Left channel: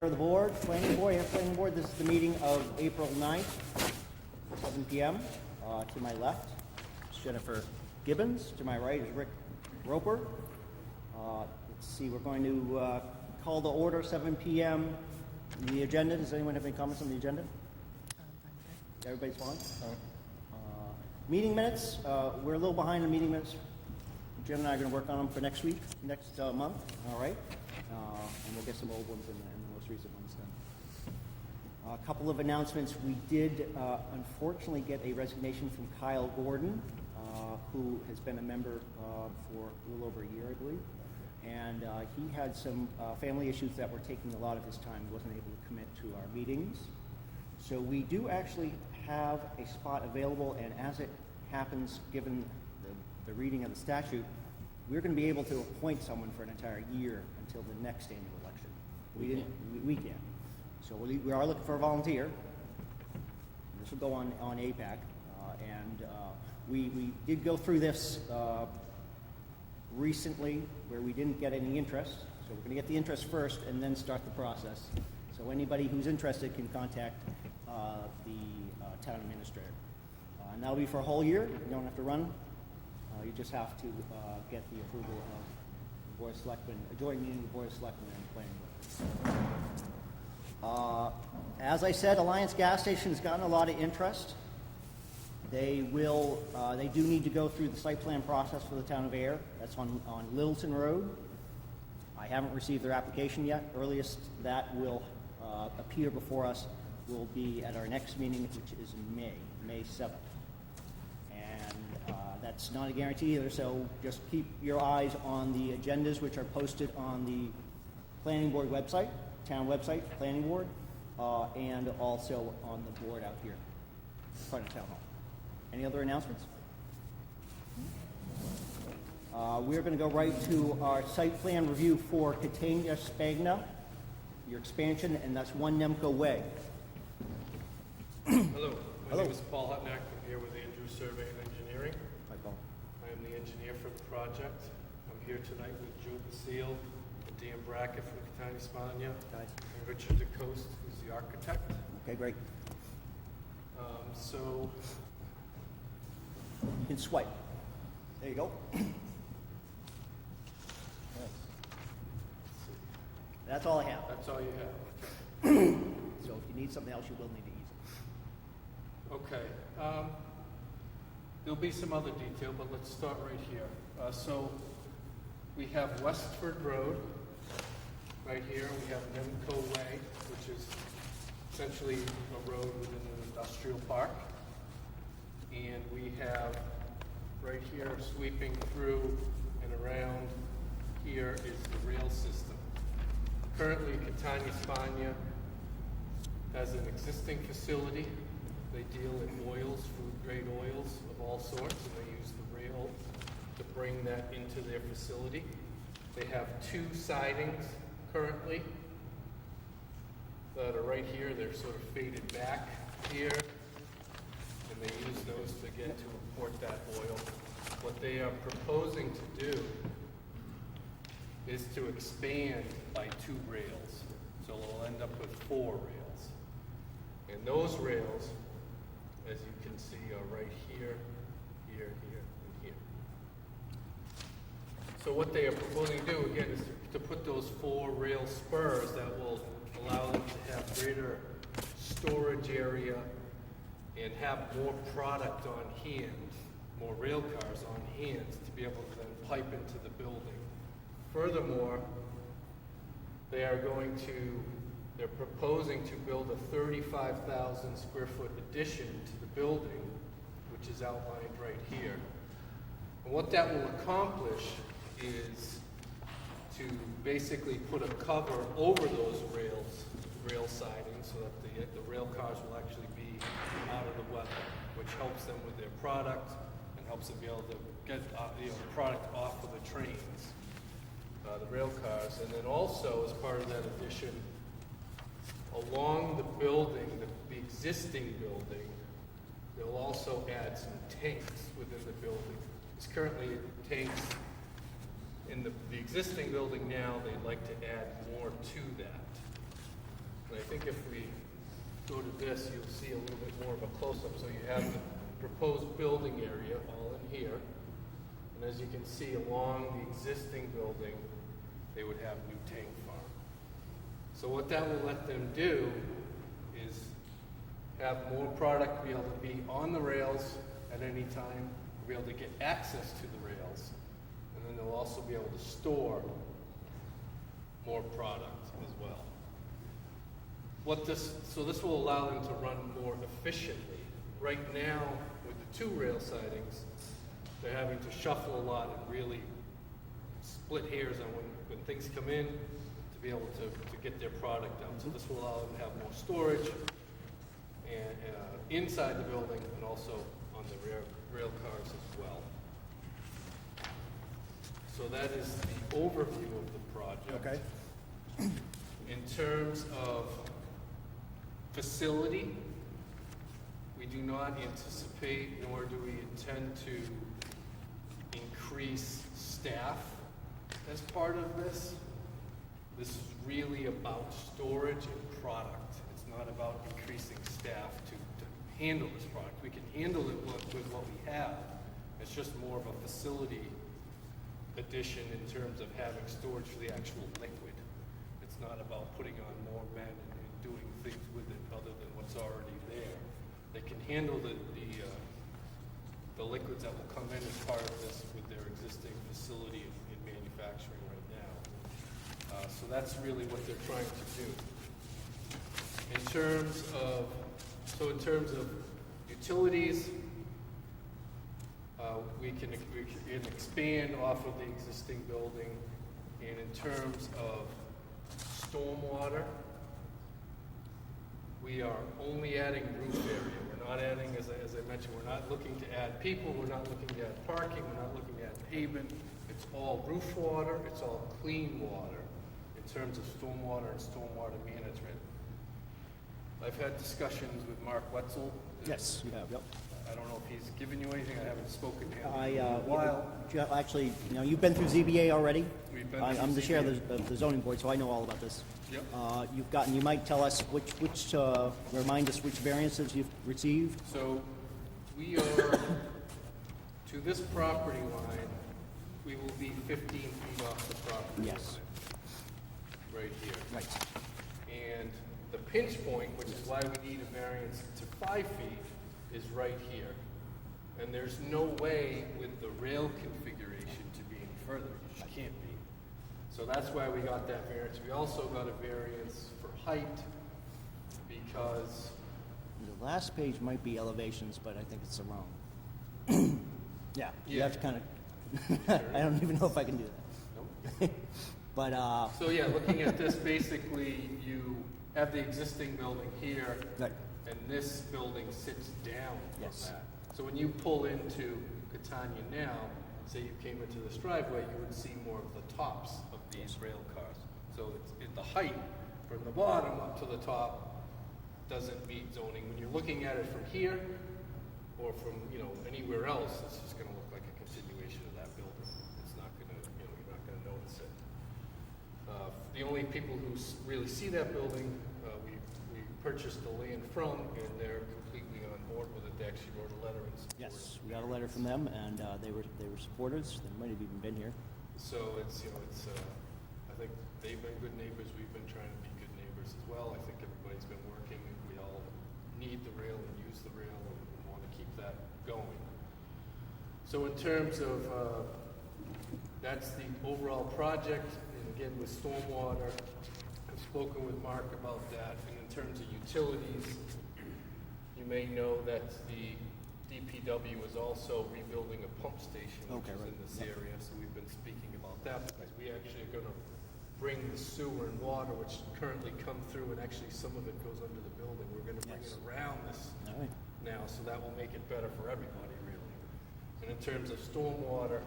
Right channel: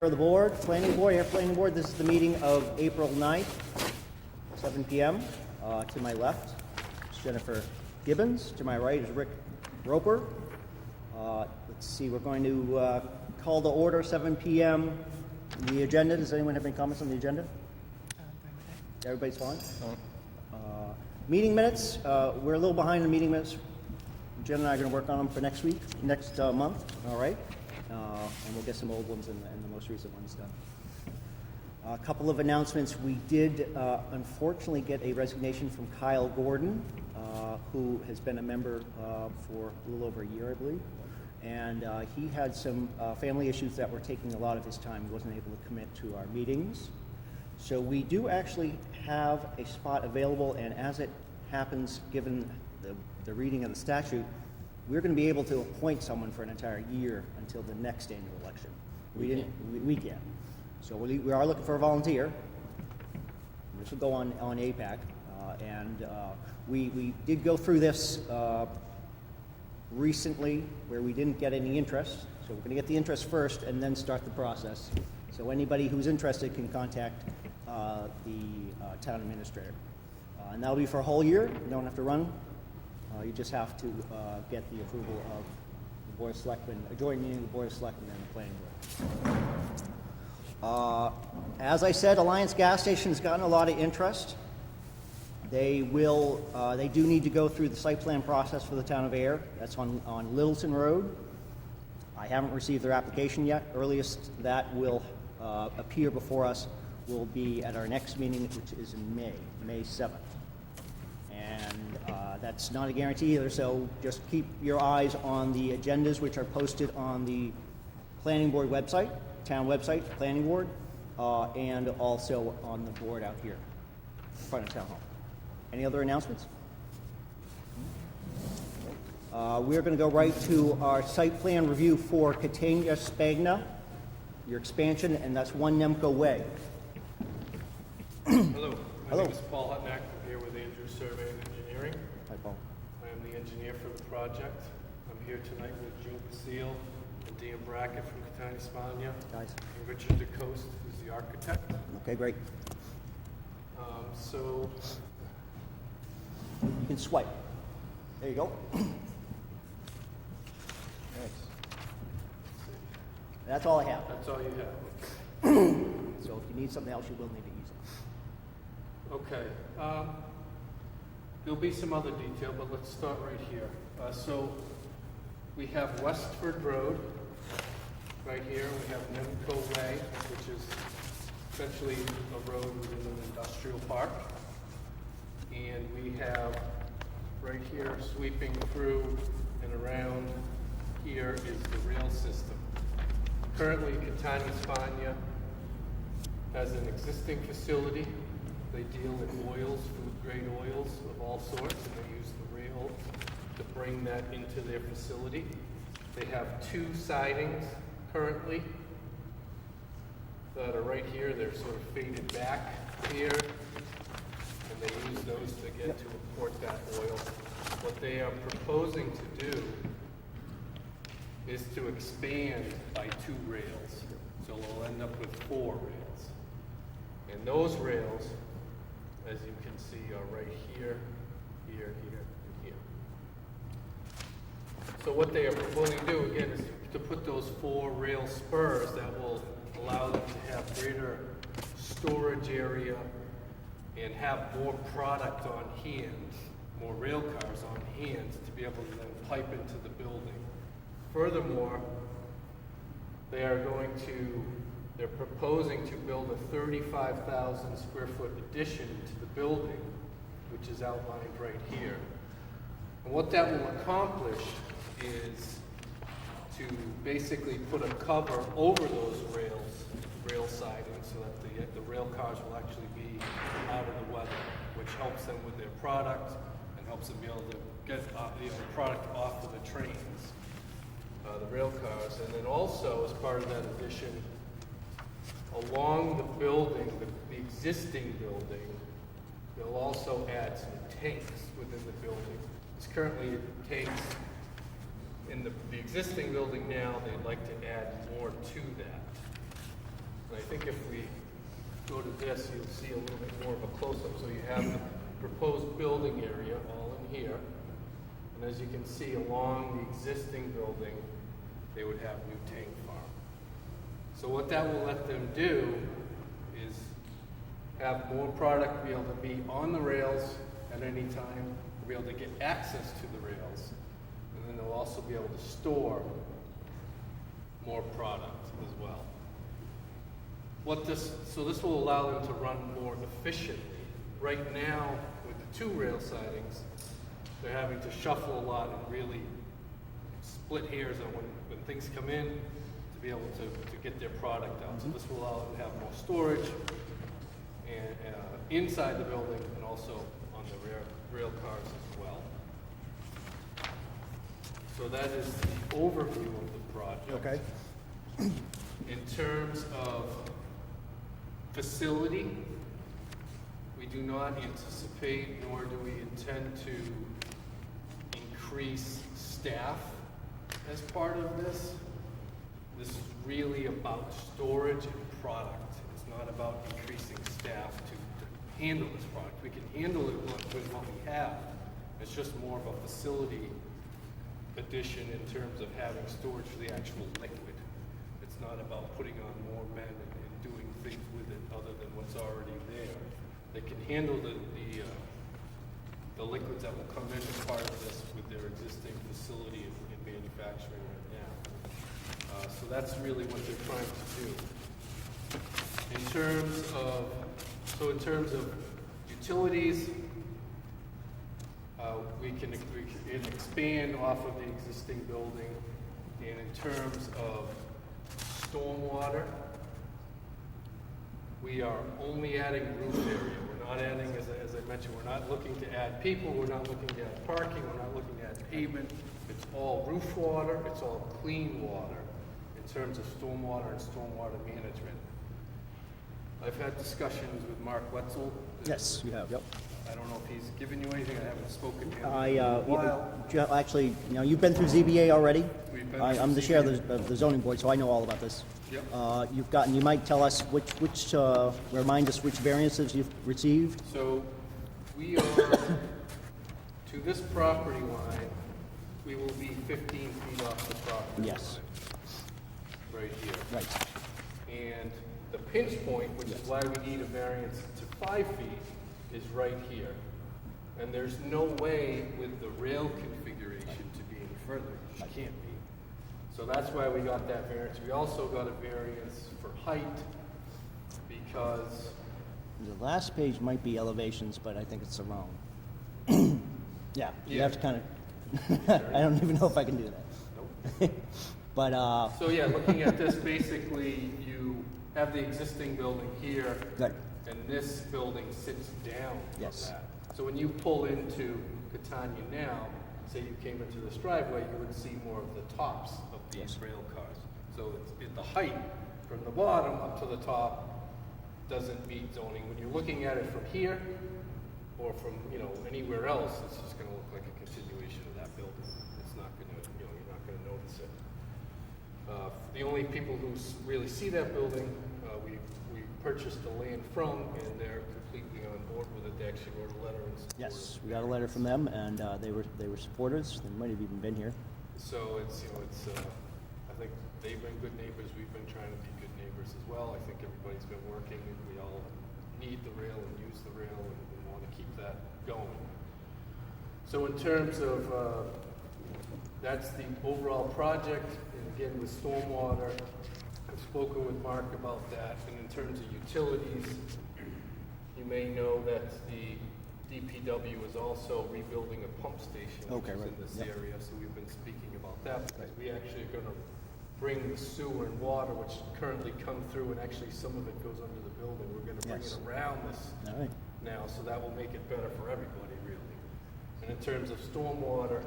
For the board, planning board, this is the meeting of April 9th, 7 p.m. To my left is Jennifer Gibbons. To my right is Rick Roper. Let's see, we're going to call the order 7 p.m. The agenda, does anyone have any comments on the agenda? Everybody's fine? Meeting minutes, we're a little behind the meeting minutes. Jen and I are going to work on them for next month, all right? And we'll get some old ones and the most recent ones done. A couple of announcements. We did unfortunately get a resignation from Kyle Gordon, who has been a member for a little over a year, I believe. And he had some family issues that were taking a lot of his time. He wasn't able to commit to our meetings. So we do actually have a spot available, and as it happens, given the reading of the statute, we're going to be able to appoint someone for an entire year until the next annual election. We can. So we are looking for a volunteer. This will go on APAC. And we did go through this recently where we didn't get any interest. So we're going to get the interest first and then start the process. So anybody who's interested can contact the town administrator. And that'll be for a whole year. You don't have to run. You just have to get the approval of the Board of Selectmen, a joint meeting of the Board of Selectmen and the Planning Board. As I said, Alliance Gas Station's gotten a lot of interest. They do need to go through the site plan process for the town of Ayer. That's on Littleton Road. I haven't received their application yet. Earliest that will appear before us will be at our next meeting, which is in May 7th. That's not a guarantee either, so just keep your eyes on the agendas which are posted on the planning board website, town website, planning board, and also on the board out here in front of town hall. Any other announcements? We're going to go right to our site plan review for Catania Spagna, your expansion, and that's 1 Nemco Way. Hello. Hello. My name is Paul Hutnack. I'm here with Andrew Survey and Engineering. Hi, Paul. I am the engineer for the project. I'm here tonight with Joe Basile and Dan Brackett from Catania Spagna, Nice. and Richard DeCoste, who's the architect. Okay, great. So, You can swipe. There you go. That's all I have. that's all you have. So if you need something else, you will need to use it. Okay. There'll be some other detail, but let's start right here. So we have Westford Road right here. We have Nemco Way, which is essentially a road within an industrial park. And we have right here sweeping through and around here is the rail system. Currently, Catania Spagna has an existing facility. They deal in oils, food-grade oils of all sorts, and they use the rail to bring that into their facility. They have 2 sidings currently that are right here. They're sort of faded back here, and they use those to get to import that oil. What they are proposing to do is to expand by 2 rails. So we'll end up with 4 rails. And those rails, as you can see, are right here, here, here, and here. So what they are proposing to do, again, is to put those 4 rail spurs that will allow them to have greater storage area and have more product on hand, more rail cars on hand to be able to then pipe into the building. Furthermore, they're proposing to build a 35,000 square foot addition to the building, which is outlined right here. And what that will accomplish is to basically put a cover over those rail sidings, so that the rail cars will actually be out of the weather, which helps them with their product and helps them be able to get the product off of the trains. The rail cars, and then also as part of that addition, along the building, the existing building, they'll also add some tanks within the building. It's currently tanks in the existing building now. They'd like to add more to that. think if we go to this, you'll see a little bit more of a close-up. So you have the proposed building area all in here. And as you can see, along the existing building, they would have new tank farm. So what that will let them do is have more product be able to be on the rails at any time, be able to get access to the rails, and then they'll also be able to store more product as well. So this will allow them to run more efficiently. Right now, with the 2 rail sidings, they're having to shuffle a lot and really split hairs on when things come in to be able to get their product out. So this will allow them to have more storage and inside the building and also on the rail cars as well. So that is the overview of the project. Okay. In terms of facility, we do not anticipate nor do we intend to increase staff as part of this. This is really about storage and product. It's not about increasing staff to handle this product. We can handle it with what we have. It's just more of a facility addition in terms of having storage for the actual liquid. It's not about putting on more men and doing things with it other than what's already there. They can handle the liquids that will come in as part of this with their existing facility in manufacturing right now. So that's really what they're trying to do. In terms of utilities, we can expand off of the existing building. And in terms of stormwater, we are only adding roof area. We're not adding, as I mentioned, we're not looking to add people, we're not looking to add parking, we're not looking to add pavement. It's all roof water, it's all clean water in terms of stormwater and stormwater management. I've had discussions with Mark Wetzel. Yes, you have. Yep. I don't know if he's given you anything. I haven't spoken to him. Actually, you've been through ZBA already. We've been I'm the through chair ZBA. of the zoning board, so I know all about this. Yep. You might tell us remind us which variances you've received. So we are, to this property line, we will be 15 feet off the property Yes. line. Right here. Right. And the pinch point, which is why we need a variance to 5 feet, is right here. And there's no way with the rail configuration to be any further. It just can't be. So that's why we got that variance. We also got a variance for height because The last page might be elevations, but I think it's the wrong. Yeah, you have to kind of. I don't even know if I can do that. Nope. But So yeah, looking at this, basically you have the existing building here, Right. and this building sits down from Yes. that. So when you pull into Catania now, say you came into this driveway, you would see more of the tops of these rail cars. So the height from the bottom up to the top doesn't meet zoning. When you're looking at it from here or from anywhere else, it's just going to look like a continuation of that building. It's not going to, you're not going to notice it. The only people who really see that building, we purchased the land from, and they're completely on board with it. They actually wrote a letter. yes, we got a letter from them, and they were supporters. They might have even been here. So it's I think they've been good neighbors. We've been trying to be good neighbors as well. I think everybody's been working, and we all need the rail and use the rail, and we want to keep that going. So in terms of that's the overall project, and again with stormwater, I've spoken with Mark about that. And in terms of utilities, you may know that the DPW is also rebuilding a pump station in this area, so we've been speaking about that because we actually are going to bring the sewer and water, which currently come through, and actually some of it goes under the building. We're going to bring it around this now, so that will make it better for everybody, really. And in terms of stormwater,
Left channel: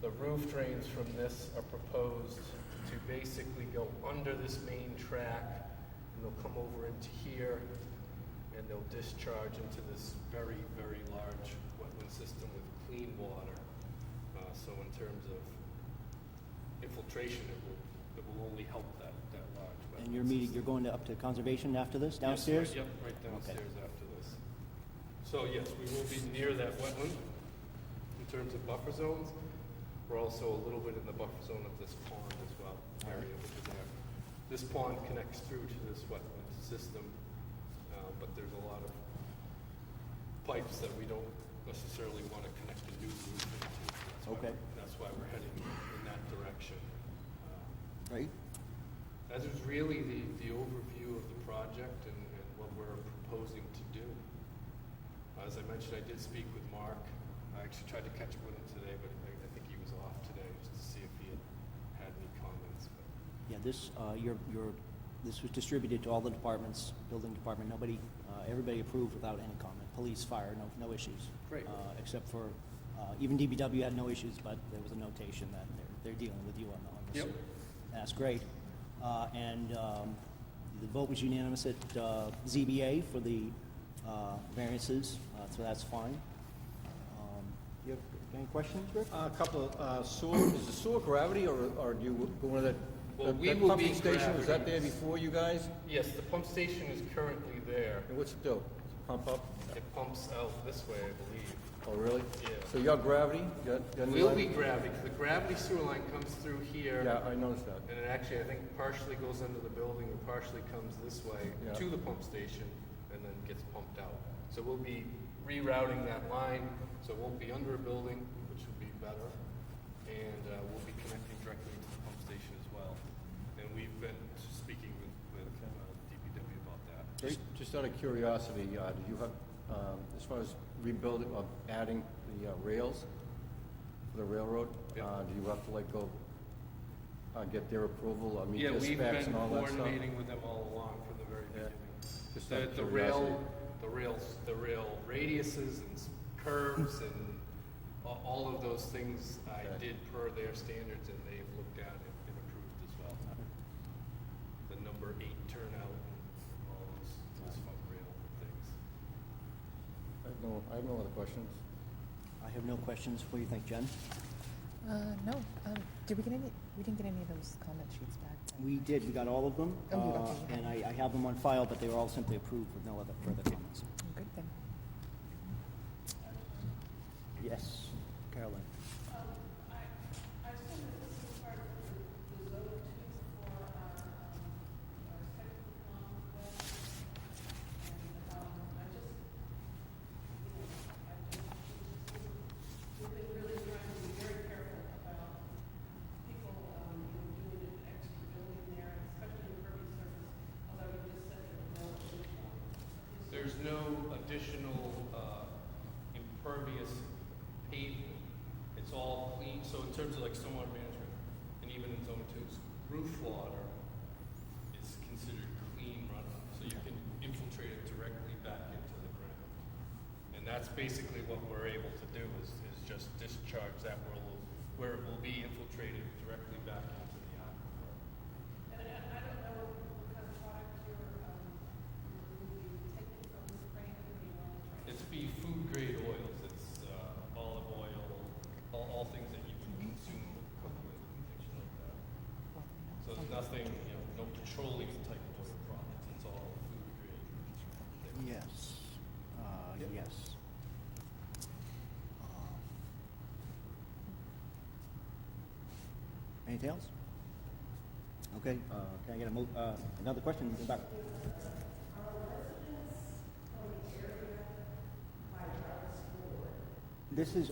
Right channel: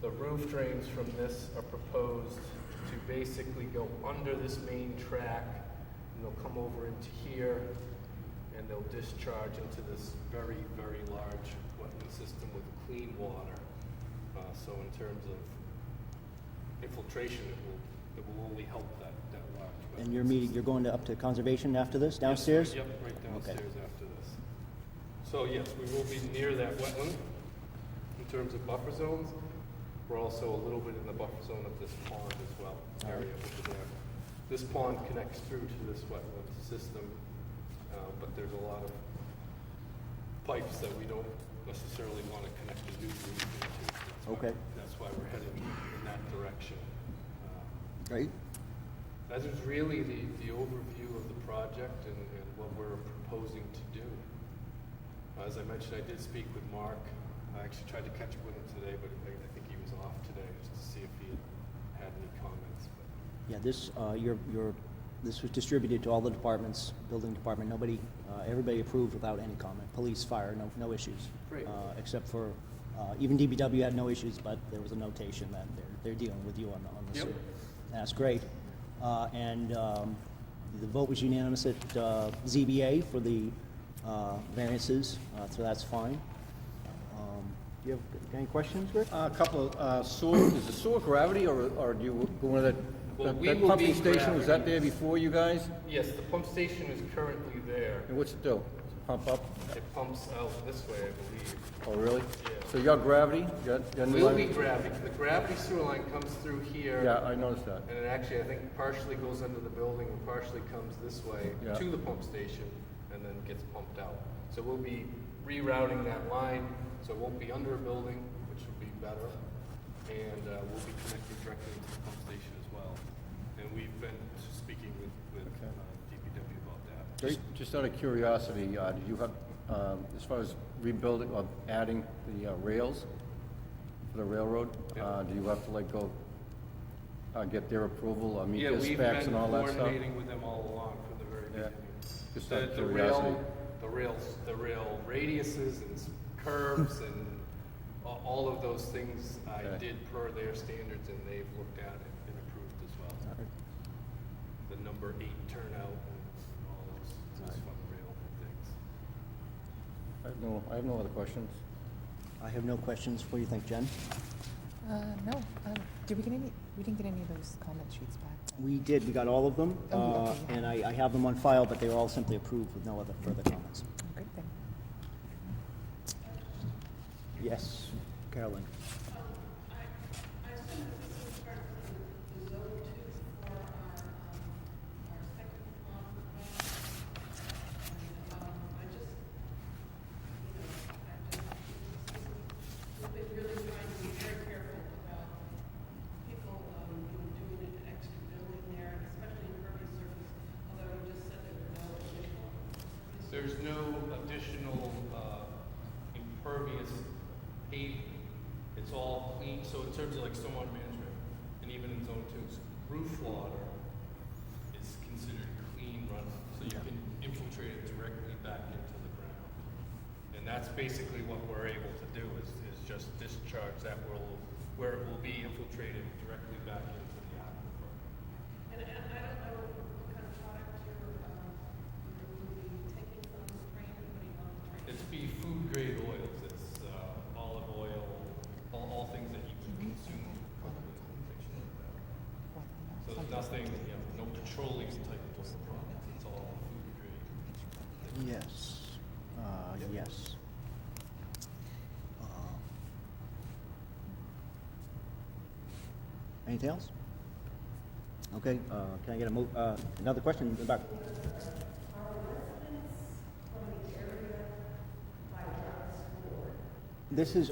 the roof drains from this are proposed to basically go under this main track, and they'll come over into here, and they'll discharge into this very, very large wetland system with clean water. So in terms of infiltration, it will only help that large. And And you're going up to conservation after this, downstairs? Yep, right Okay. downstairs after this. So yes, we will be near that wetland in terms of buffer zones. We're also a little bit in the buffer zone of this pond as well, area over there. This pond connects through to this wetland system, but there's a lot of pipes that we don't necessarily want to connect the new route into. Okay. That's why we're heading in that direction. Great. That is really the overview of the project and what we're proposing to do. As I mentioned, I did speak with Mark. I actually tried to catch up with him today, but I think he was off today, just to see if he had any comments. Yeah, this, this was distributed to all the departments, building department, everybody approved without any comment. Police, fire, no issues. Great. Except for, even DPW had no issues, but there was a notation that they're dealing with you on the Yep. suit. That's great. The vote was unanimous at ZBA for the variances, so that's fine. You have any questions, Rick? A couple of sewer, is the sewer gravity or do you go into Well, we that will pumping be station, was that gravity. there before you guys? Yes, the pump station is currently there. And what's it do? Pump up? It pumps out this way, I believe. Oh, really? Yeah. So your gravity? Your new Will line? be gravity. The gravity sewer line comes through here. Yeah, I noticed that. And it actually, I think, partially goes under the building and partially comes this way Yeah. to the pump station and then gets pumped out. So we'll be rerouting that line, so it won't be under a building, which will be better. And we'll be connecting directly to the pump station as well. And we've been speaking with DPW about that. Just out of curiosity, do you have, as far as rebuilding or adding the rails for the railroad, Yeah. do you have to like go get their approval or meet Yeah, their we've specs been and all that stuff? coordinating with them all along from the very Yeah. beginning. Just out of The curiosity. rail radiuses and curves and all of those things I Okay. did per their standards, and they've looked at it and approved as well. The number 8 turnout and all those fun rail things. I have no other questions. I have no questions. What do you think, Jen? No. Did we get any? We didn't get any of those comment sheets back. We did, we got all of them, Oh, okay, yeah. and I have them on file, but they were all simply approved with no other further comments. Good thing. Yes, Carolyn? I assume that this is part of the zone two for our technical plan. And, I just, we've been really trying to be very careful about people, doing an extra building there, especially impervious surface, although you just said there were no additional. There's no additional impervious pavement. It's all clean. So in terms of like stormwater management, and even in zone 2, roof water is considered clean runoff. So you can infiltrate it directly back into the ground. And that's basically what we're able to do is just discharge that where it will be infiltrated directly back into the aquifer. And I don't know what kind of product you're taking from the spring and putting on the drain. It's be food grade oils. It's olive oil, all things that you can consume. So there's nothing, no petroleum type of products. It's all food grade. Yes. Yes. Anything else? Okay, can I get another question in the back? This is,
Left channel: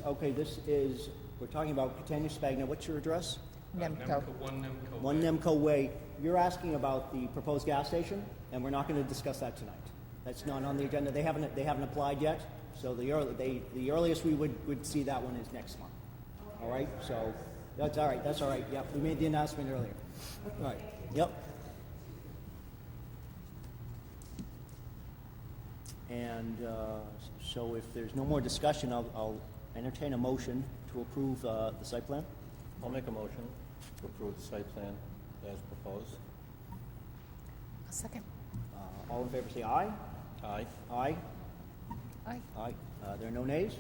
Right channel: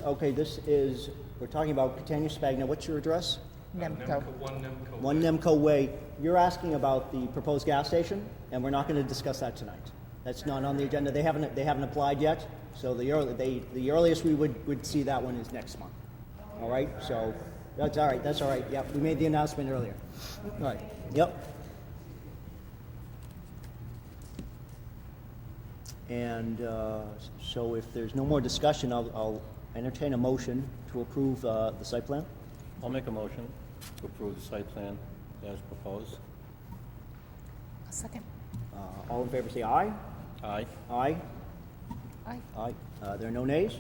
we're talking about Catania Spagna. What's your address? Nemco. One Nemco. 1 Nemco Way. You're asking about the proposed gas station, and we're not going to discuss that tonight. That's not on the agenda. They haven't applied yet, so the earliest we would see that one is next month. All right, so that's all right. That's all right. Yep, we made the announcement earlier. All right. Yep. And so if there's no more discussion, I'll entertain a motion to approve the site plan. I'll make a motion to approve the site plan as proposed. A second. All in favor say aye. Aye. Aye. Aye. Aye. There are no nays,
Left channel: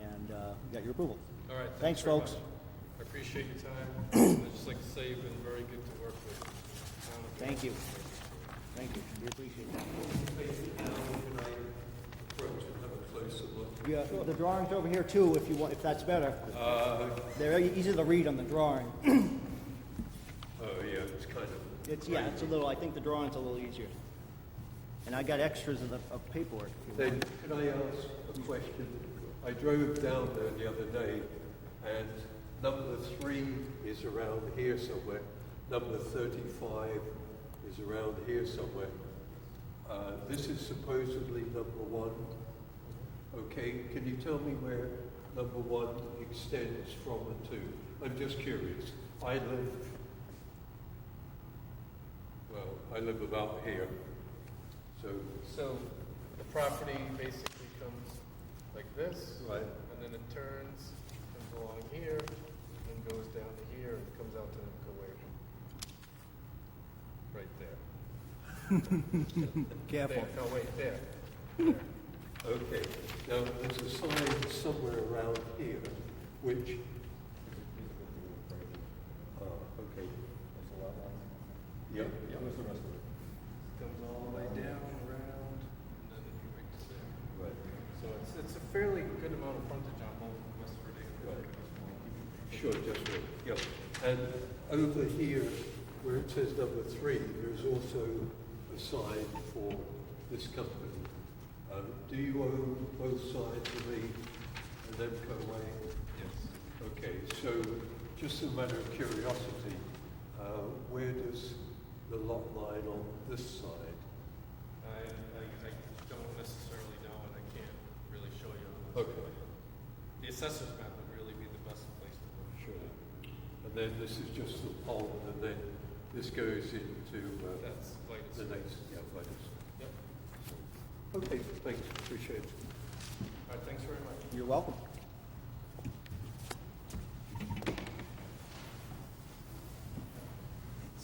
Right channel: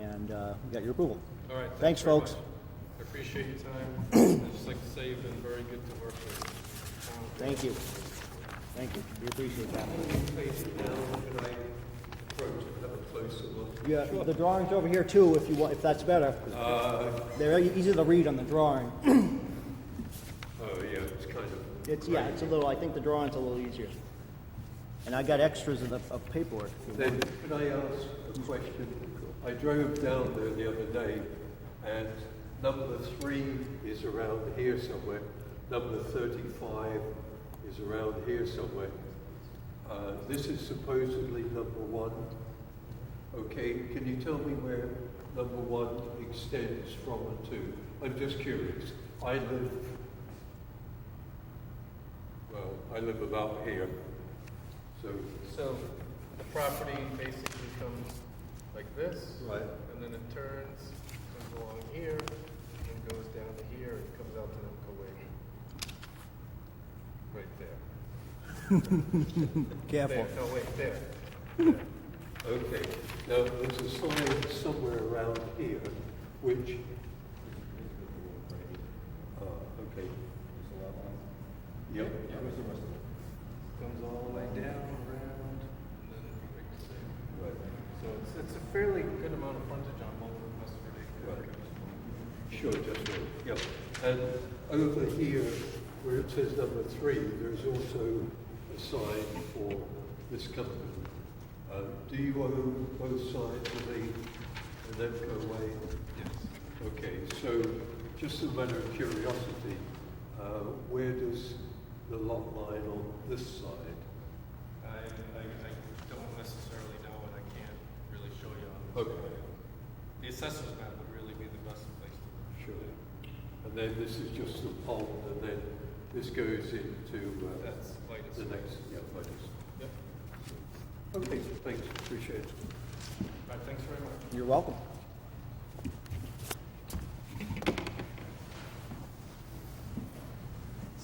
and you got your approval. All right. Thanks, very folks. much. I appreciate your time. I'd just like to say you've been very good to work with. Thank you. Thank you. We appreciate that. Yeah, the drawing's over here too, if you want, if that's better. They're easy to read on the drawing. Oh, yeah, it's kind of, It's, yeah, it's a little, I think the drawing's a little easier. And I got extras of paperwork. if you then want. can I ask a question? I drove down there the other day, and number 3 is around here somewhere. Number 35 is around here somewhere. This is supposedly number 1. Okay, can you tell me where number 1 extends from and to? I'm just curious. I live about here. So the property basically comes like this. Right. And then it turns, comes along here, and goes down here, and comes out to the right there. Careful. There, no, wait, there. Okay, now there's a sign somewhere around here, which, okay. Yep. Comes all the way down, around, and then makes it. Right. So it's a fairly good amount of frontage on both of Westford Acre. Sure, just right, yep. And over here, where it says number 3, there's also a sign for this company. Do you own both sides of the Nemco Way? Yes. Okay, so just a matter of curiosity, where does the lot line on this side? I don't necessarily know, and I can't really show you on this Okay. plan. The assessor's map would really be the best place to look. Sure. And then this is just the pond, and then this goes into That's like the next, yeah, latest. Yep. Okay, thanks, appreciate it. All right, thanks very much. You're welcome.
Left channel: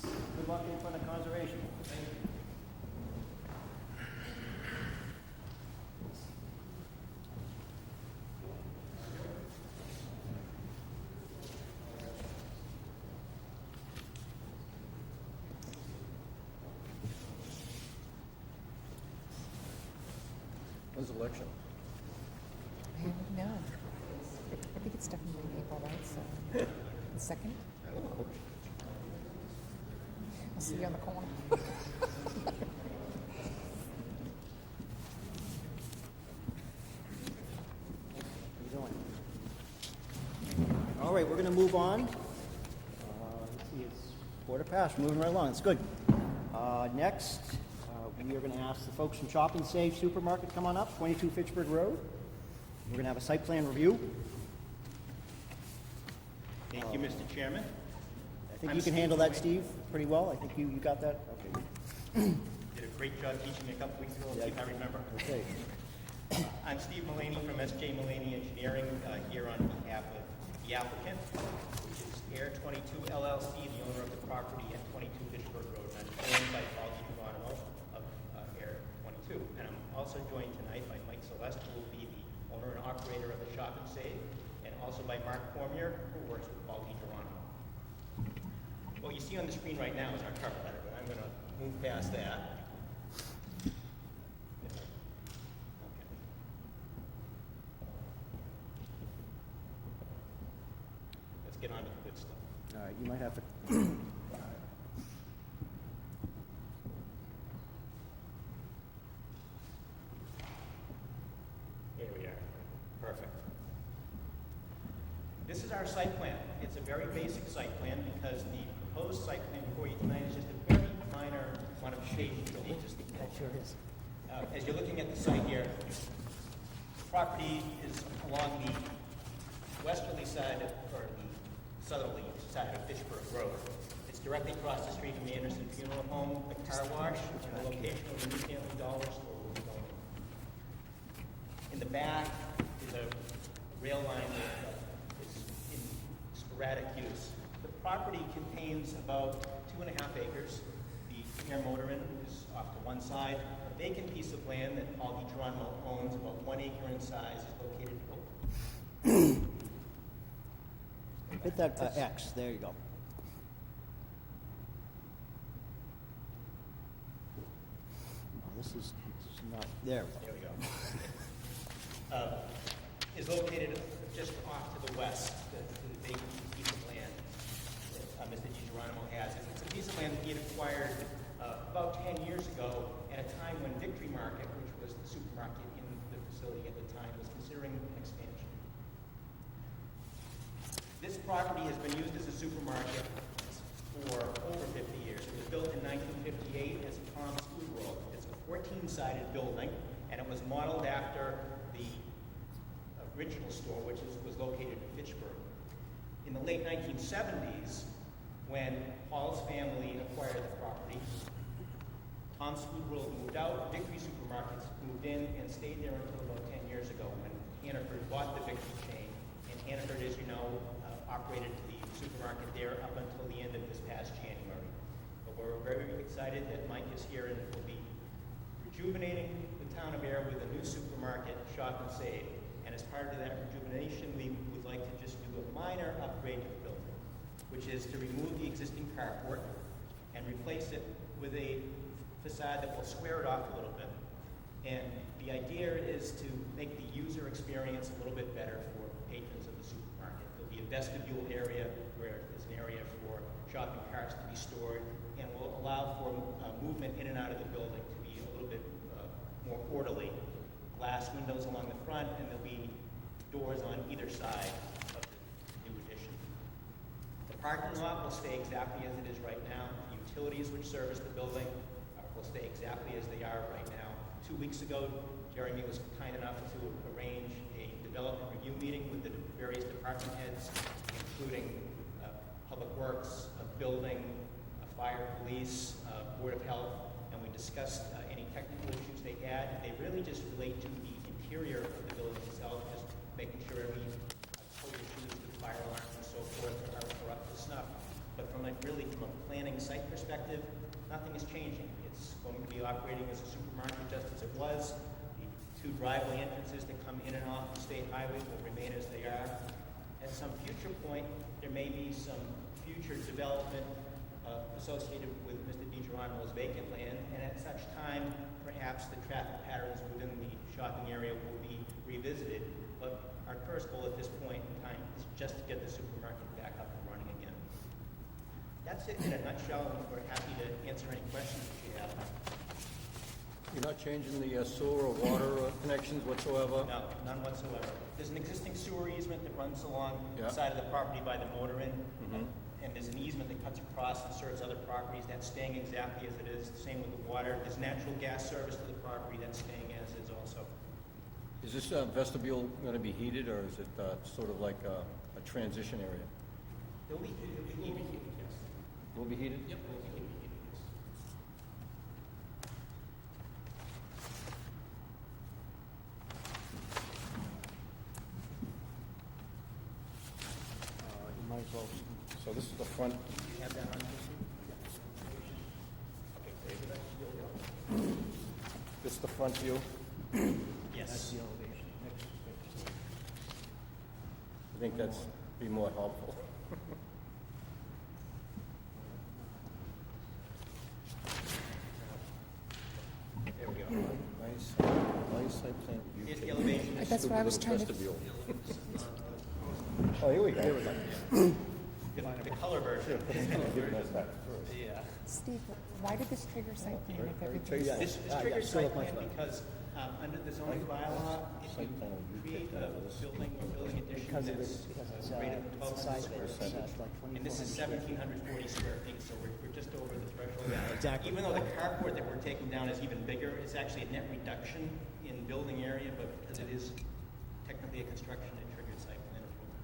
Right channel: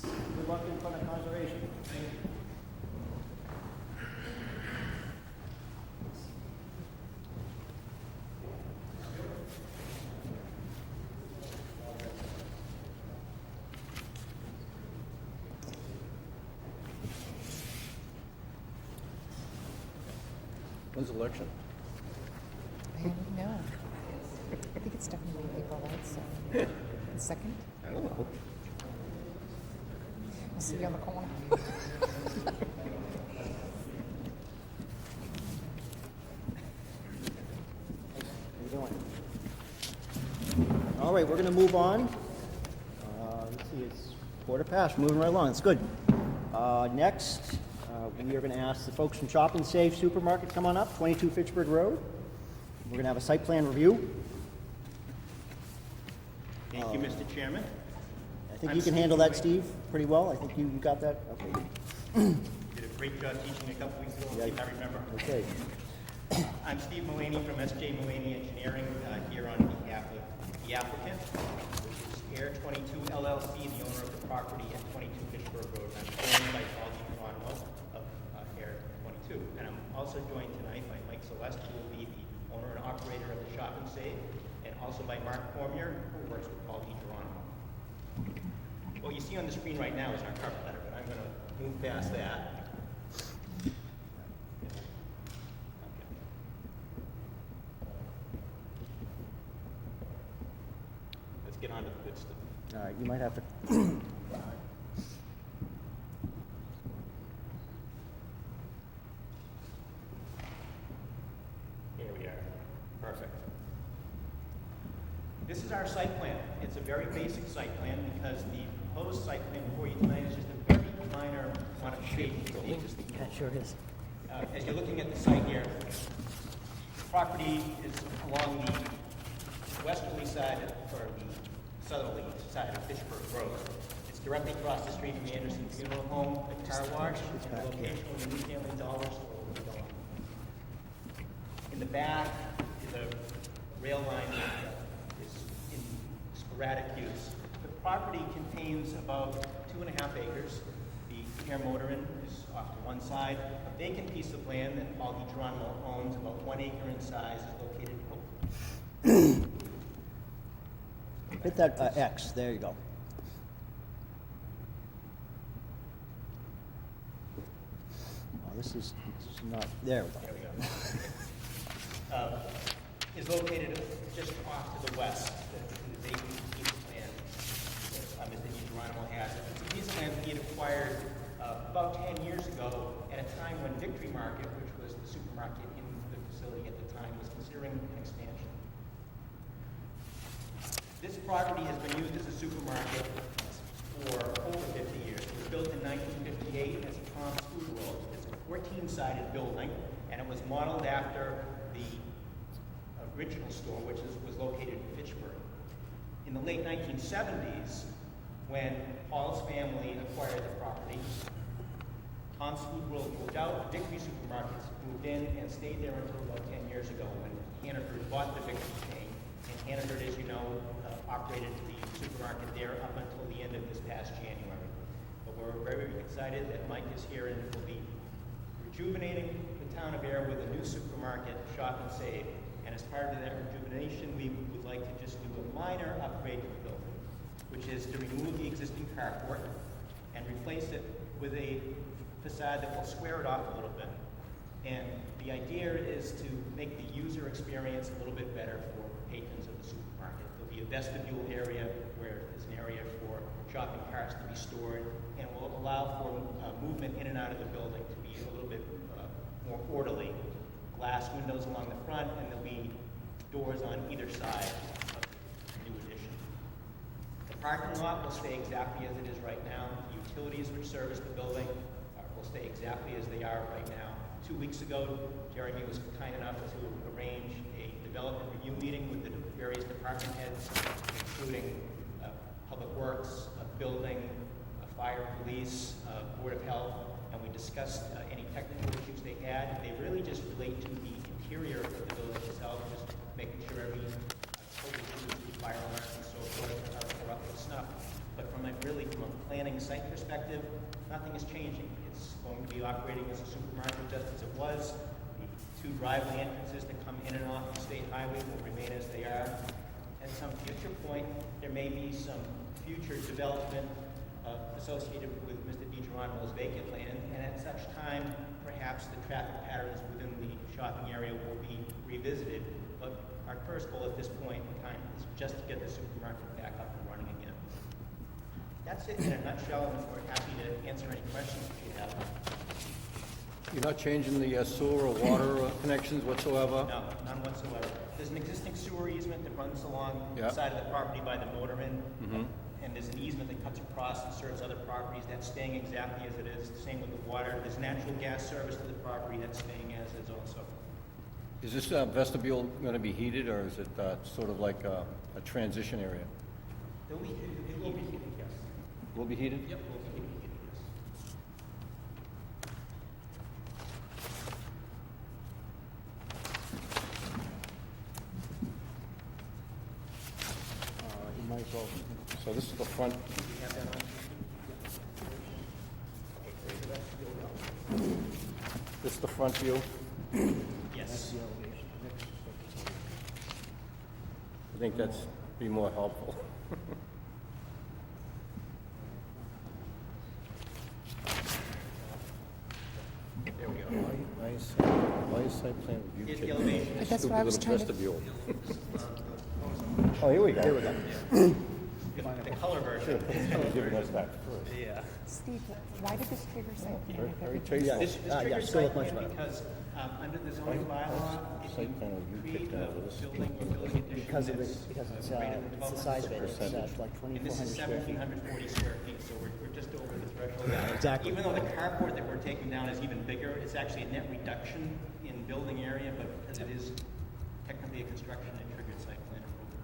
Good luck in front of conservation. Thank you. When's the election? I don't know. I think it's definitely April, right? So, the 2nd? I don't know. I'll see you on the corner. How you doing? All right, we're going to move on. Let's see, it's 4:15, moving right along, it's good. Next, we are going to ask the folks from Shop and Save Supermarket to come on up, 22 Fitchburg Road. We're going to have a site plan review. Thank you, Mr. Chairman. I think you can handle that, Steve, pretty well. I think you got that. Okay. Did a great job teaching me a couple weeks ago, Right. I remember. Okay. I'm Steve Mulaney from S.J. Mulaney Engineering, here on behalf of the applicant, which is Ayer 22 LLC, the owner of the property at 22 Fitchburg Road. I'm joined by Paul DiGiovanni of Ayer 22. And I'm also joined tonight by Mike Celeste, who will be the owner and operator of the Shop and Save, and also by Mark Cormier, who works with Paul DiGiovanni. What you see on the screen right now is our cover letter, but I'm going to move past that. Let's get on to the good stuff. All right, you might have to. Here we are. Perfect. This is our site plan. It's a very basic site plan because the proposed site plan for you tonight is just a very minor modification to the existing. That sure is. As you're looking at the site here, the property is along the westerly side, or the southerly side of Fitchburg Road. It's directly across the street from the Anderson Funeral Home, the car wash, and the location of the new family dollar store. In the back is a rail line that is in sporadic use. The property contains about 2.5 acres. The Air Motor Inn is off to one side. A vacant piece of land that Paul DiGiovanni owns, about 1 acre in size, is located. Hit that X. There you go. this is not, there we There go. we go. Is located just off to the west, the vacant piece of land Mr. DiGeronimo has. It's a piece of land he had acquired about 10 years ago at a time when Victory Market, which was the supermarket in the facility at the time, was considering an expansion. This property has been used as a supermarket for over 50 years. It was built in 1958 as a Tom's Food World. It's a 14-sided building, and it was modeled after the original store, which was located in Fitchburg. In the late 1970s, when Paul's family acquired the property, Tom's Food World moved out, Victory Supermarkets moved in and stayed there until about 10 years ago when Hannaford bought the Victory chain. And Hannaford, as you know, operated the supermarket there up until the end of this past January. But we're very excited that Mike is here and will be rejuvenating the town of Ayer with a new supermarket, Shop and Save. And as part of that rejuvenation, we would like to just do a minor upgrade to the building, which is to remove the existing carport and replace it with a facade that will square it off a little bit. And the idea is to make the user experience a little bit better for patrons of the supermarket. There'll be a vestibule area where there's an area for shopping carts to be stored, and will allow for movement in and out of the building to be a little bit more orderly. Glass windows along the front, and there'll be doors on either side of the new addition. The parking lot will stay exactly as it is right now. The utilities which service the building will stay exactly as they are right now. 2 weeks ago, Jeremy was kind enough to arrange a development review meeting with the various department heads, including Public Works, Building, Fire, Police, Board of Health, and we discussed any technical issues they had. They really just relate to the interior of the building itself, just making sure every fire alarms and so forth are up to snuff. But from a planning site perspective, nothing is changing. It's going to be operating as a supermarket just as it was. The 2 driveway entrances that come in and off the state highway will remain as they are. At some future point, there may be some future development associated with Mr. DiGeronimo's vacant land, and at such time, perhaps the traffic patterns within the shopping area will be revisited. But our first goal at this point in time is just to get the supermarket back up and running again. That's it in a nutshell, and we're happy to answer any questions that you have. You're not changing the sewer or water connections whatsoever? No, none whatsoever. There's an existing sewer easement that runs along the side of the property by the motor inn, and there's an easement that cuts across and serves other properties. That's staying exactly as it is. Same with the water. There's natural gas service to the property. That's staying as is also. Is this vestibule going to be heated, or is it sort of like a transition area? It'll be heated. It will be heated, yes. Will be heated? Yep, it will be heated, yes. You might as well, So this is the front. You have that on? This is the front view. Yes. I think that's be more helpful. There we go. Nice site plan review. Here's the elevation. That's what I was trying to. Vestibule. Oh, here we go. The color version. Giving us that first. Steve, why did this trigger site plan if everything? yeah. This triggers still site much plan better. because under the zoning bylaw, if you create a building addition Because that's it's greater than the size of it, it's like and this is 2,400 square feet. 1,740 square feet, so we're just over the threshold. Yeah, exactly. Even though the carport that we're taking down is even bigger, it's actually a net reduction in building area, but because it is technically a construction, it triggered site plan approval.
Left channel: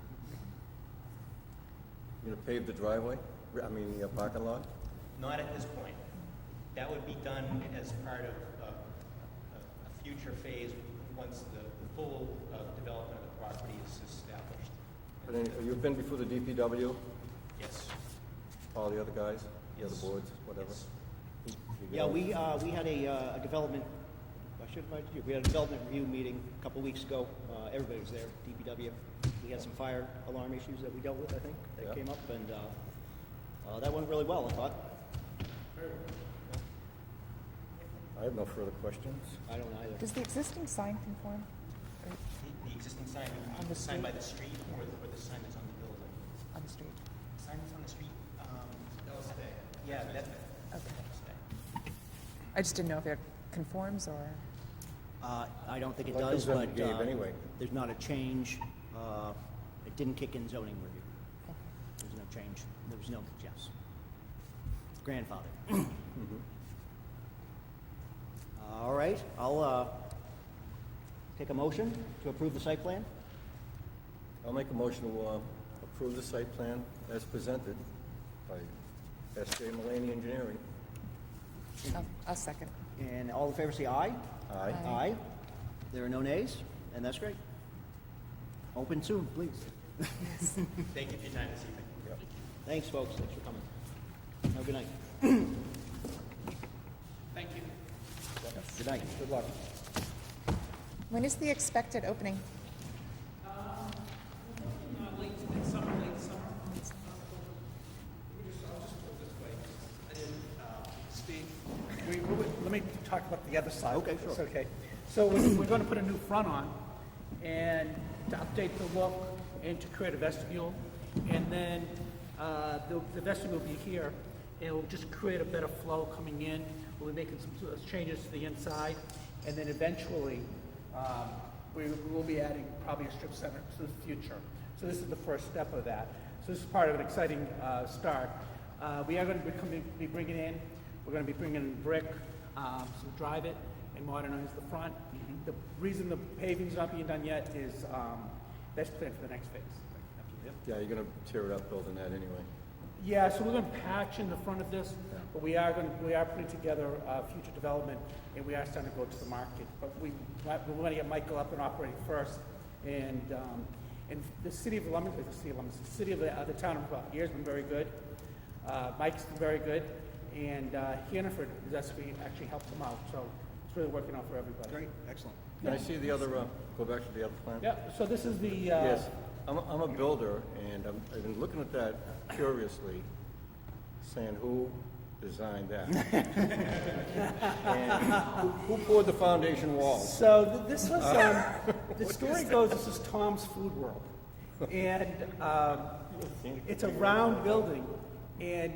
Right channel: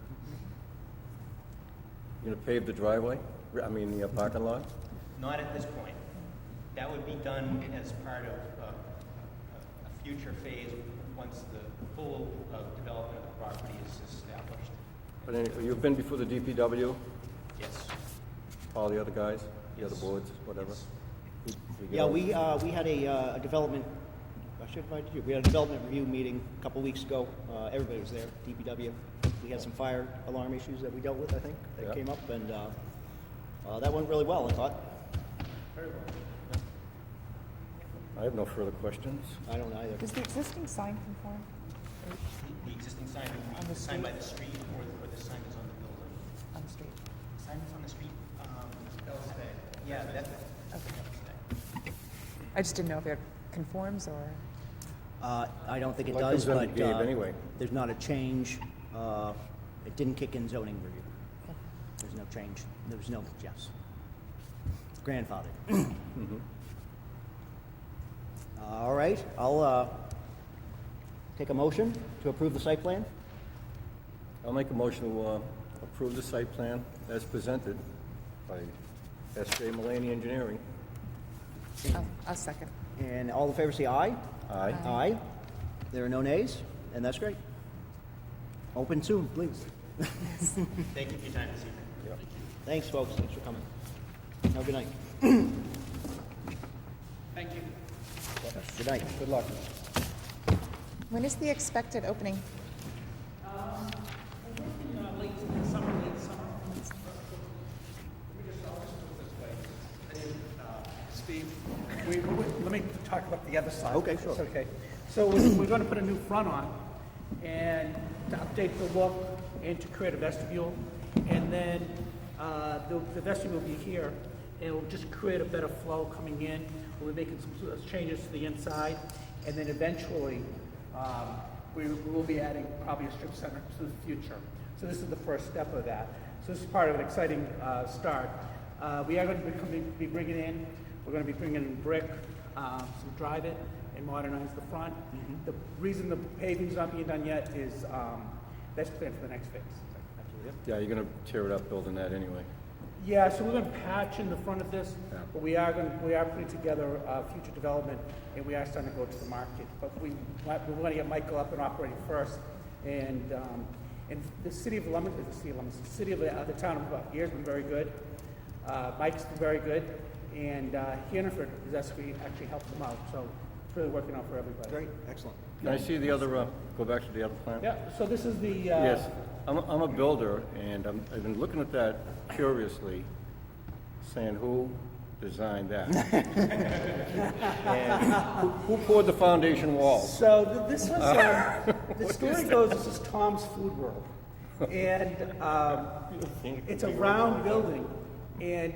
You gonna pave the driveway? I mean, the parking lot? Not at this point. That would be done as part of a future phase once the full development of the property is established. But you've been before the DPW, Yes. all the other guys, the other Yes. boards, whatever? Yes. You get Yeah, all- we had a development, I should invite you, we had a development review meeting a couple weeks ago. Everybody was there, DPW. We had some fire alarm issues that we dealt with, I think, that Yeah. came up, and that went really well, I thought. I I have no further questions. I don't either. Does the existing sign conform The existing sign, On the the sign by street? the street, or the sign that's on the building? on the street? Sign that's on the street, yeah, that, Okay. I just didn't know if it conforms or, I don't think it Well, it does, comes in but Gabe anyway. there's not a change. It didn't kick in zoning review. There's no change. There was no, yes. Grandfather. All right, I'll take a motion to approve the site plan. I'll make a motion to approve the site plan as presented by S.J. Mulaney Engineering. I'll second. And all in favor say aye. Aye. Aye. There are no nays, and that's great. Open soon, please. thank you for your time this evening. Thanks, folks. Thanks for coming. Have a good night. Thank you. Good night. Good luck. When is the expected opening? Steve, let me talk about the other side. Okay, sure. It's okay. So we're going to put a new front on, and to update the look, and to create a vestibule, and then the vestibule will be here, and it will just create a better flow coming in. We'll be making some changes to the inside, and then eventually we will be adding probably a strip center to the future. So this is the first step of that. So this is part of an exciting start. We are going to be bringing in, we're going to be bringing in brick, some drive it, and modernize the front. The reason the paving's not being done yet is that's planned for the next phase. Yeah, you're gonna tear it up building that anyway. Yeah, so we're going to patch in the front of this, but we are putting together future development, and we are starting to go to the market. But we want to get Michael up and operating first, and the city of Lummington, the city of the town of Ayer has been very good. Mike's been very good, and Hannaford has actually helped them out. So it's really working out for everybody. Great. Excellent. Can I see the other, go back to the other plan? Yeah. So this is the. Yes, I'm a builder, and I've been looking at that curiously, saying who designed that? And who poured the foundation wall? So this was, the story goes, this is Tom's Food World. And it's a round building, and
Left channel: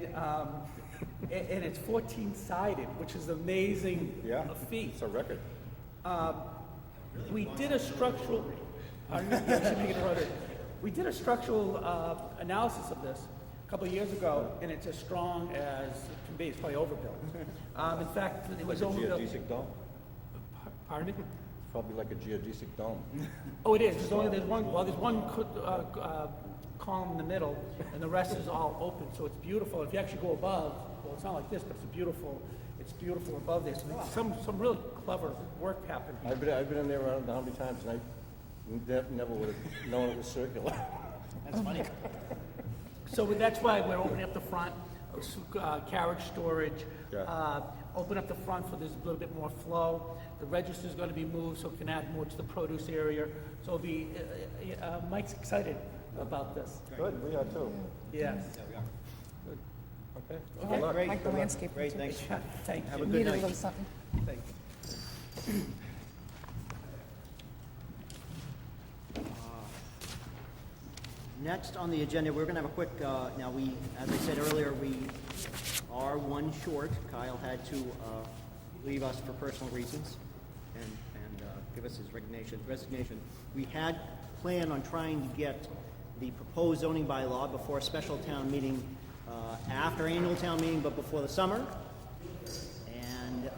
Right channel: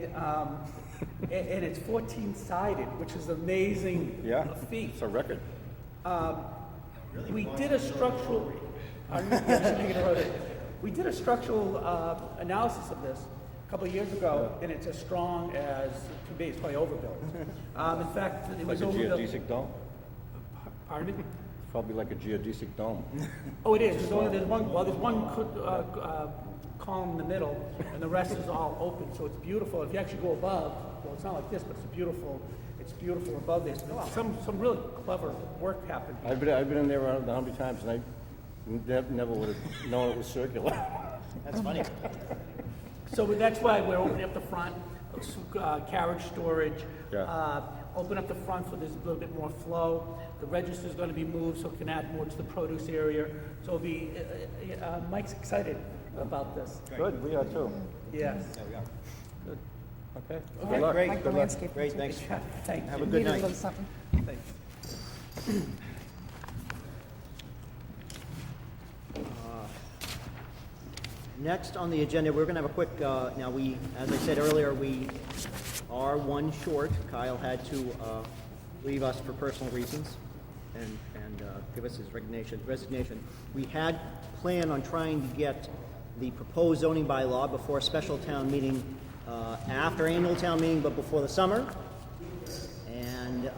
it's 14-sided, which is amazing Yeah, feat. it's a record. We did a structural, we did a structural analysis of this a couple of years ago, and it's as strong as it can be. It's probably overbuilt. In fact, it Like was a overbuilt. geodesic dome? Pardon me? It's probably like a geodesic dome. Oh, it is. There's one column in the middle, and the rest is all open. So it's beautiful. If you actually go above, well, it's not like this, but it's beautiful above this. And some really clever work happened. I've been in there around 100 times, and I never would have known it was circular. That's funny. So that's why we're opening up the front, carriage storage. Yeah. Open up the front so there's a little bit more flow. The register's going to be moved so it can add more to the produce area. So it'll be, Mike's excited about this. Good, we are too. Yes. Good. Okay. Okay, Good luck. Great. Like the Good luck. landscape Great. feature. Thanks. Thank you. Have a good Needed a night. little something. Next on the agenda, we're going to have a quick, now as I said earlier, we are one short. Kyle had to leave us for personal reasons and give us his resignation. We had planned on trying to get the proposed zoning bylaw before a special town meeting, after annual town meeting, but before the summer. And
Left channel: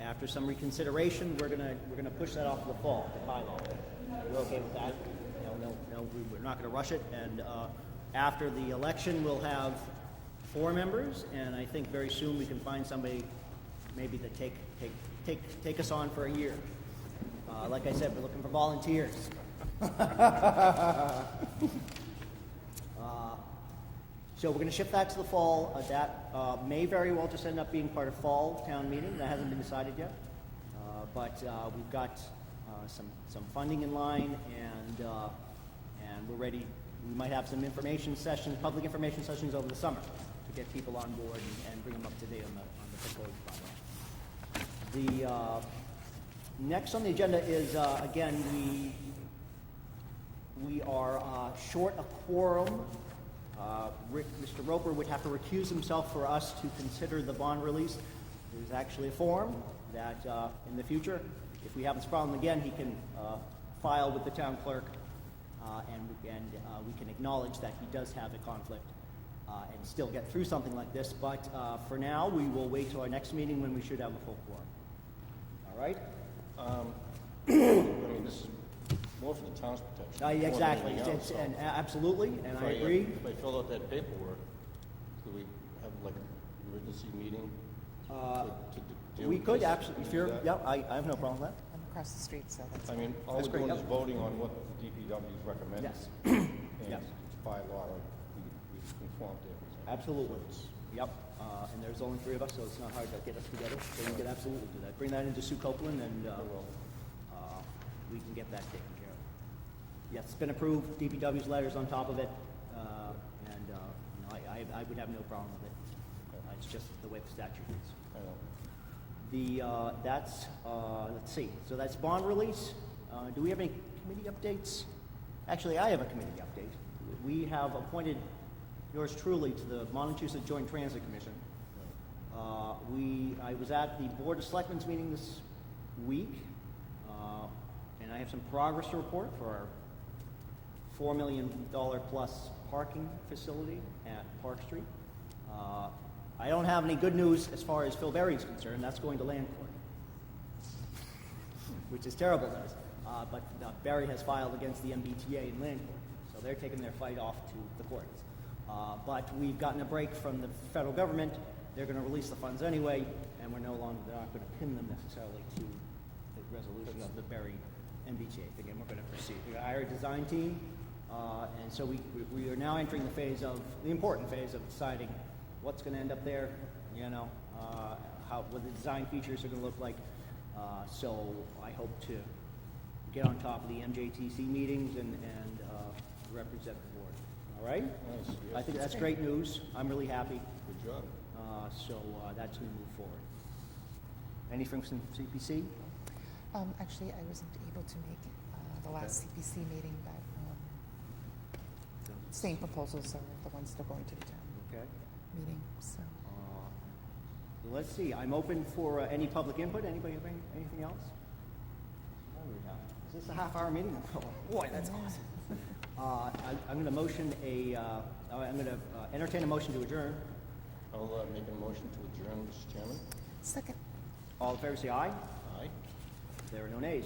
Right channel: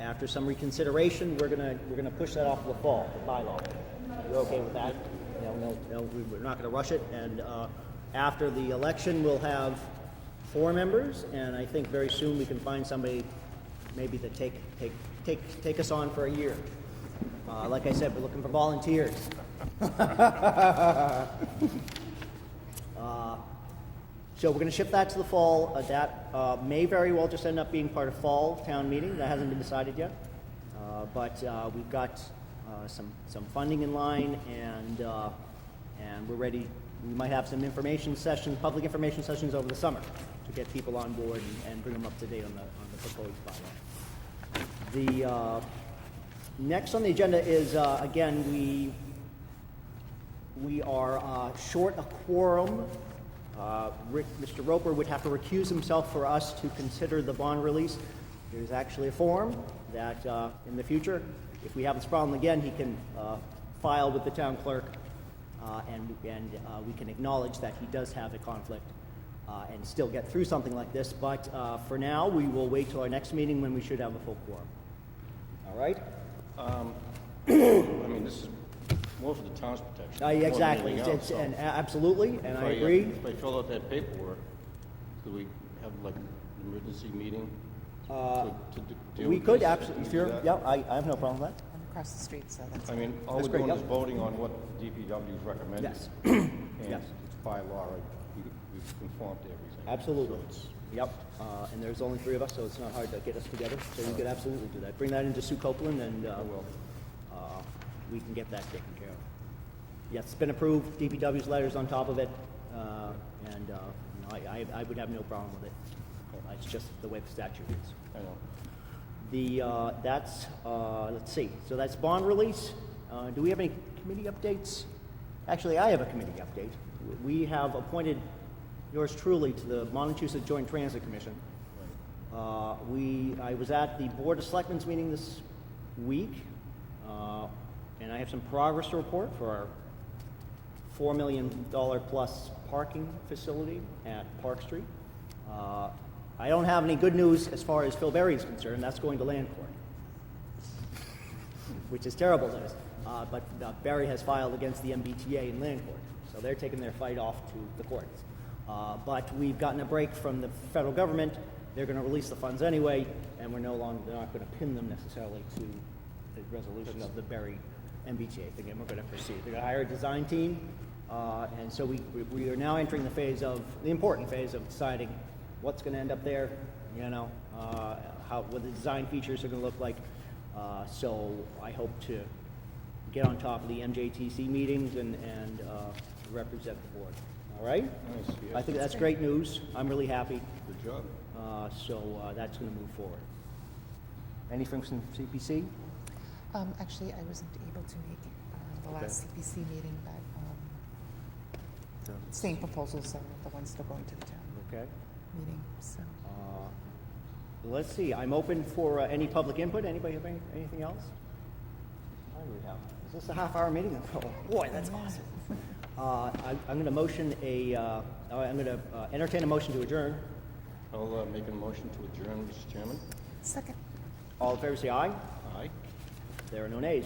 after some reconsideration, we're gonna push that off to the fall, the bylaw. You're okay with that? No, we're not going to rush it. And after the election, we'll have 4 members, and I think very soon we can find somebody maybe to take us on for a year. Like I said, we're looking for volunteers. So we're going to shift that to the fall. That may very well just end up being part of fall town meeting. That hasn't been decided yet. But we've got some funding in line, and we're ready. We might have some public information sessions over the summer to get people on board and bring them up to date on the proposed bylaw. The next on the agenda is, again, we are short a quorum. Mr. Roper would have to recuse himself for us to consider the bond release. There's actually a form that in the future, if we have this problem again, he can file with the town clerk, and we can acknowledge that he does have a conflict and still get through something like this. But for now, we will wait till our next meeting when we should have a full quorum. All right? I mean, this is more for the town's protection. more than Exactly. anything else, so And absolutely, and I if agree. If I fill out that paperwork, could we have like an emergency meeting? to deal We with could this? absolutely, Can we do sure. that? Yeah, I have no problem with that. I'm across the street, so that's. I mean, all That's we're great, doing yeah. is voting on what the DPW is recommending. Yes. And Yes. it's by law, right? We've conformed to everything. Absolutely. So it's- Yep. And there's only three of us, so it's not hard to get us together. So we could absolutely do that. Bring that into Sue Copeland, and we can get that taken care of. Yes, it's been approved. DPW's letters on top of it, and I would have no problem with it. It's just the way the statute is. I know. That's let's see. So that's bond release. Do we have any committee updates? Actually, I have a committee update. We have appointed yours truly to the Massachusetts Joint Transit Commission. I was at the Board of Selectmen's meeting this week, and I have some progress to report for our $4 million plus parking facility at Park Street. I don't have any good news as far as Phil Berry is concerned. That's going to land court, which is terrible news. But Berry has filed against the MBTA in land court, so they're taking their fight off to the courts. But we've gotten a break from the federal government. They're going to release the funds anyway, and they're not going to pin them necessarily to the resolution of the Berry MBTA thing, and we're going to proceed. They're going to hire a design team, and so we are now entering the important phase of deciding what's going to end up there, what the design features are going to look like. So I hope to get on top of the MJTC meetings and represent the board. All right? Nice, yes. I think that's great news. I'm really happy. Good job. So that's going to move forward. Anything from CPC? Actually, I wasn't able to make the last CPC meeting, but same proposals are the ones that are going to the town Okay. meeting, so. Let's see. I'm open for any public input. Anybody have anything else? Oh, we have. Is this a half-hour meeting? Oh, boy, that's awesome. I'm going to entertain a motion to adjourn. I'll make a motion to adjourn, Mr. Chairman. Second. All in favor, say aye. Aye. There are no nays.